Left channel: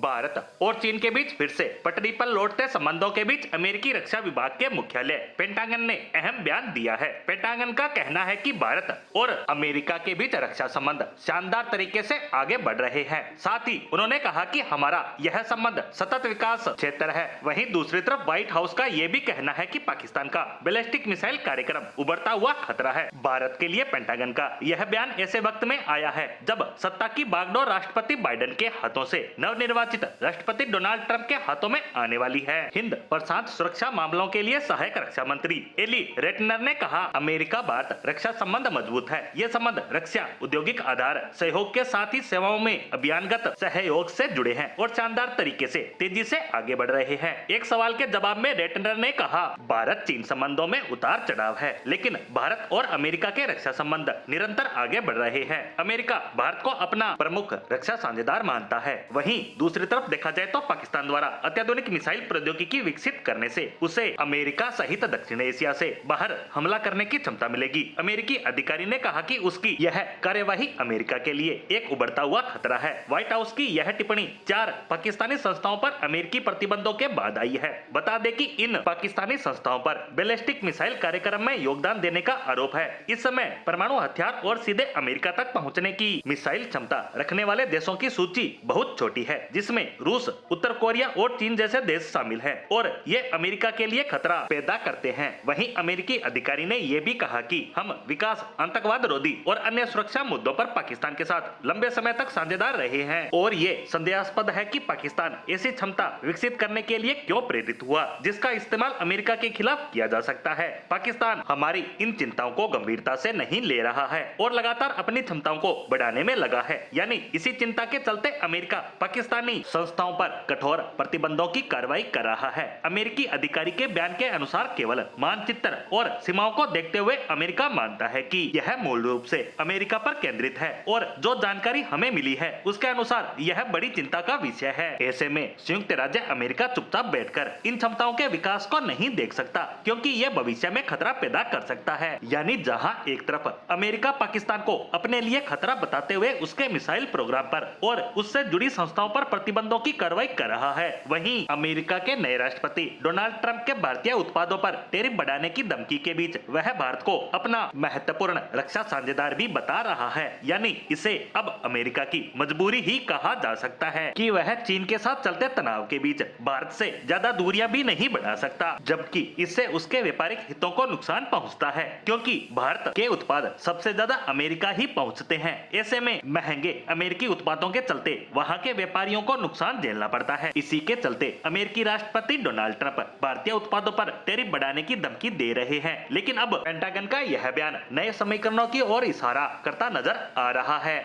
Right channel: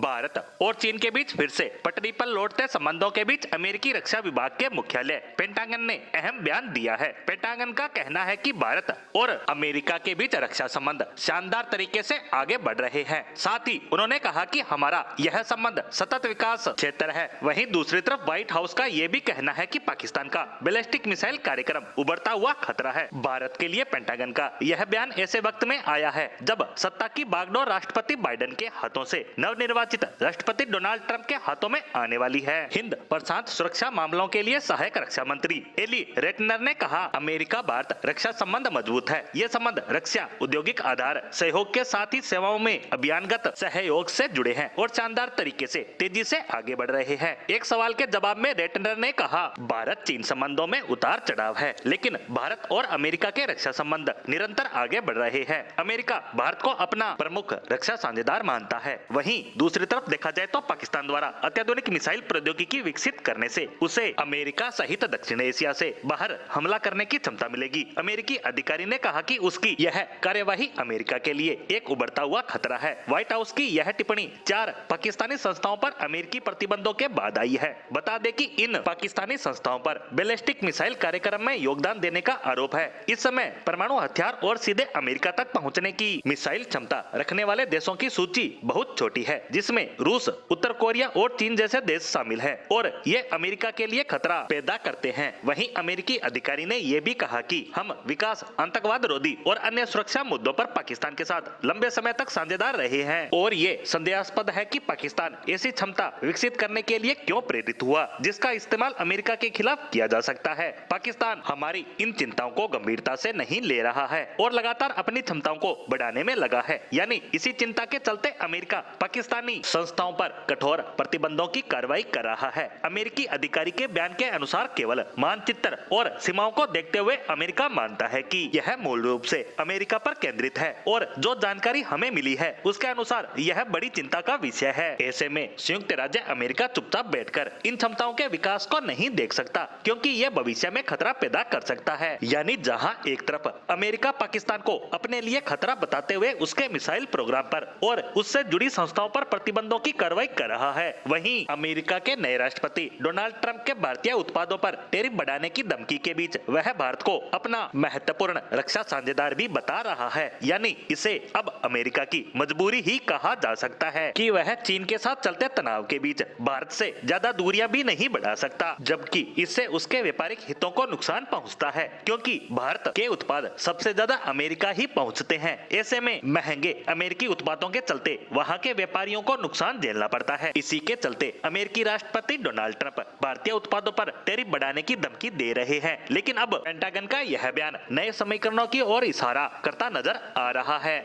भारत और चीन के बीच फिर से पटरी पर लौटते संबंधों के बीच अमेरिकी रक्षा विभाग के मुख्यालय पेंटागन ने अहम बयान दिया है। पेंटागन का कहना है कि भारत और अमेरिका के बीच रक्षा संबंध शानदार तरीके से आगे बढ़ रहे हैं। साथ ही उन्होंने कहा कि हमारा यह संबंध सतत विकास क्षेत्र है। वहीं दूसरी तरफ व्हाइट हाउस का यह भी कहना है कि पाकिस्तान का बैलिस्टिक मिसाइल कार्यक्रम उभरता हुआ खतरा है। भारत के लिए पेंटागन का यह बयान ऐसे वक्त में आया है जब सत्ता की बागडोर राष्ट्रपति बाइडेन के हाथों से नवनिर्वाचित राष्ट्रपति डोनाल्ड ट्रंप के हाथों में आने वाली है। हिंद प्रशांत सुरक्षा मामलों के लिए सहायक रक्षा मंत्री एली रेटनर ने कहा, अमेरिका भारत रक्षा संबंध मजबूत है। ये संबंध रक्षा औद्योगिक आधार सहयोग के साथ ही सेवाओं में अभियानगत सहयोग से जुड़े हैं और शानदार तरीके से तेजी से आगे बढ़ रहे हैं। एक सवाल के जवाब में रेटनर ने कहा, भारत चीन संबंधों में उतार चढ़ाव है, लेकिन भारत और अमेरिका के रक्षा संबंध निरंतर आगे बढ़ रहे हैं। अमेरिका भारत को अपना प्रमुख रक्षा साझेदार मानता है। वहीं दूसरी तरफ देखा जाए तो पाकिस्तान द्वारा अत्याधुनिक मिसाइल प्रौद्योगिकी विकसित करने से उसे अमेरिका सहित दक्षिण एशिया से बाहर हमला करने की क्षमता मिलेगी। अमेरिकी अधिकारी ने कहा कि उसकी यह कार्यवाही अमेरिका के लिए एक उभरता हुआ खतरा है। व्हाइट हाउस की यह टिप्पणी 4 पाकिस्तानी संस्थाओं पर अमेरिकी प्रतिबंधों के बाद आई है। बता दें कि इन पाकिस्तानी संस्थाओं पर बैलिस्टिक मिसाइल कार्यक्रम में योगदान देने का आरोप है। इस समय परमाणु हथियार और सीधे अमेरिका तक पहुंचने की मिसाइल क्षमता रखने वाले देशों की सूची बहुत छोटी है, जिसमें रूस, उत्तर कोरिया और चीन जैसे देश शामिल हैं और ये अमेरिका के लिए खतरा पैदा करते हैं। वहीं अमेरिकी अधिकारी ने यह भी कहा कि हम विकास, आतंकवाद रोधी और अन्य सुरक्षा मुद्दों पर पाकिस्तान के साथ लंबे समय तक साझेदार रहे हैं और ये संदेहास्पद है कि पाकिस्तान ऐसी क्षमता विकसित करने के लिए क्यों प्रेरित हुआ जिसका इस्तेमाल अमेरिका के खिलाफ किया जा सकता है। पाकिस्तान हमारी इन चिंताओं को गंभीरता से नहीं ले रहा है और लगातार अपनी क्षमताओं को बढ़ाने में लगा है। यानी इसी चिंता के चलते अमेरिका पाकिस्तानी संस्थाओं पर कठोर प्रतिबंधों की कार्रवाई कर रहा है। अमेरिकी अधिकारी के बयान के अनुसार केवल मानचित्र और सीमाओं को देखते हुए अमेरिका मानता है कि यह मूल रूप से अमेरिका पर केंद्रित है और जो जानकारी हमें मिली है उसके अनुसार यह बड़ी चिंता का विषय है। ऐसे में संयुक्त राज्य अमेरिका चुपचाप बैठकर इन क्षमताओं के विकास को नहीं देख सकता, क्योंकि यह भविष्य में खतरा पैदा कर सकता है। यानी जहां एक तरफ अमेरिका पाकिस्तान को अपने लिए खतरा बताते हुए उसके मिसाइल प्रोग्राम पर और उससे जुड़ी संस्थाओं पर प्रतिबंधों की कार्रवाई कर रहा है, वहीं अमेरिका के नए राष्ट्रपति डोनाल्ड ट्रंप के भारतीय उत्पादों पर टैरिफ बढ़ाने की धमकी के बीच वह भारत को अपना महत्वपूर्ण रक्षा साझेदार भी बता रहा है। यानी इसे अब अमेरिका की मजबूरी ही कहा जा सकता है कि वह चीन के साथ चलते तनाव के बीच भारत से ज्यादा दूरियां भी नहीं बढ़ा सकता, जबकि इससे उसके व्यापारिक हितों को नुकसान पहुंचता है, क्योंकि भारत के उत्पाद सबसे ज्यादा अमेरिका ही पहुंचते हैं। ऐसे में महंगे अमेरिकी उत्पादों के चलते वहां के व्यापारियों को नुकसान झेलना पड़ता है। इसी के चलते अमेरिकी राष्ट्रपति डोनाल्ड ट्रंप भारतीय उत्पादों पर टैरिफ बढ़ाने की धमकी दे रहे हैं। लेकिन अब पेंटागन का यह बयान नए समीकरणों की ओर इशारा करता नजर आ रहा है।